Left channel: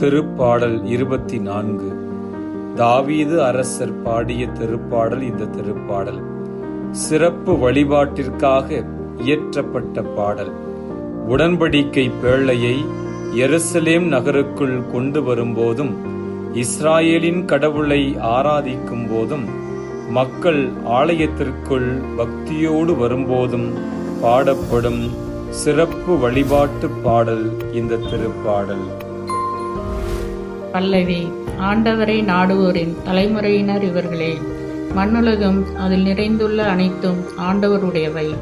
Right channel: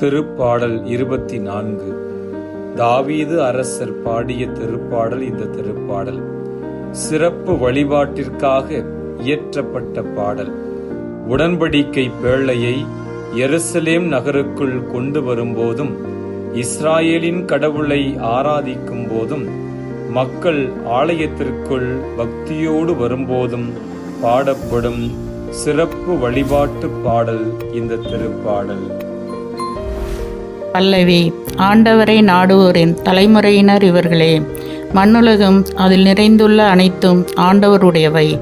திருப்பாடல் இருபத்தி நான்கு தாவீது அரசர் பாடிய திருப்பாடல் இந்த திருப்பாடல். சிறப்பு வழிபாட்டிற்காக இயற்றப்பட்ட பாடல். உடன்படிக்கை பேழையை எருசலேம் நகருக்குள் கொண்டு வரும்போதும் இஸ்ராயேலின் கடவுளை ஆராதிக்கும் போதும் மக்கள் ஆலயத்திற்குள் பக்தியோடு வரும்போதும் பாடப்படும் சிறப்பு வழிபாட்டு பாடல் இந்த திருப்பாடல். பல்லவி ஆண்டவரை நாடுவோரின் தலைமுறையினர் இவர்களே மண்ணுலகம் அதில் நிறைந்துள்ள அனைத்தும் ஆண்டவருடையவை.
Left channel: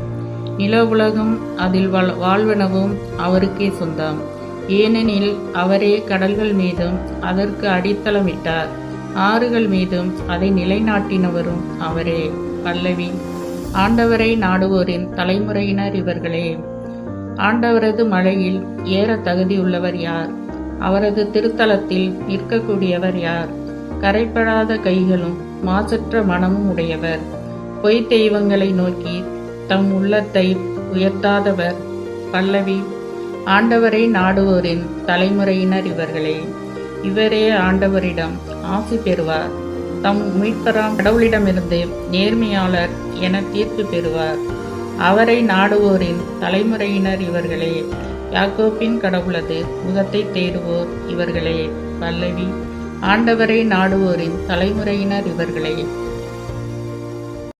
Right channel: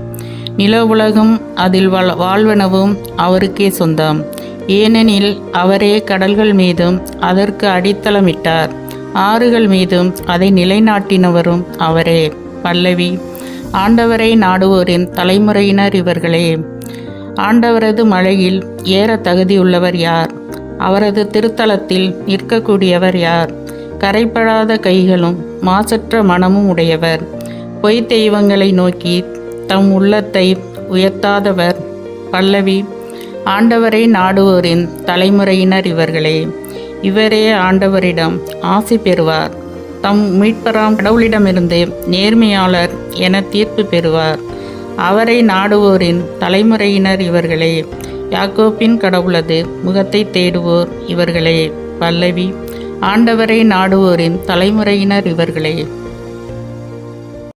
நில உலகம் அதில் வாழ்வனவும் அவருக்கே சொந்தம். ஏனெனில் அவரே கடல்கள் மீதும் அதற்கு அடித்தளமிட்டார். ஆறுகள் மீதும் அதை நிலைநாட்டினவரும் அவரே. பல்லவி ஆண்டவரை நாடுவோரின் தலைமுறையினர் இவர்களே. ஆண்டவரது மழையில் ஏற தகுதியுள்ளவர் யார்? அவரது திருத்தலத்தில் நிற்கக்கூடியவர் யார்? கரைப்படாத கைகளும் மாசற்ற மனமும் உடையவர். பொய் தெய்வங்களை நோக்கி தம் உள்ளத்தை உயர்த்தாதவர் பல்லவி. ஆண்டவரை நாடுவோரின் தலைமுறையினர் இவர்களே இவரே ஆண்டவரிடம் ஆசி பெறுவார். தம் மீட்பராம் கடவுளிடமிருந்து நேர்மையாளர் என தீர்ப்பு பெறுவார். அவரை நாடுவோரின் தலைமுறையினர் இவர்களே யாக்கோப்பின் கடவுளது முகத்தை தேடுவோர் இவர்களே பல்லவி. ஆண்டவரை நாடுவோரின் தலைமுறையினர் இவர்களே.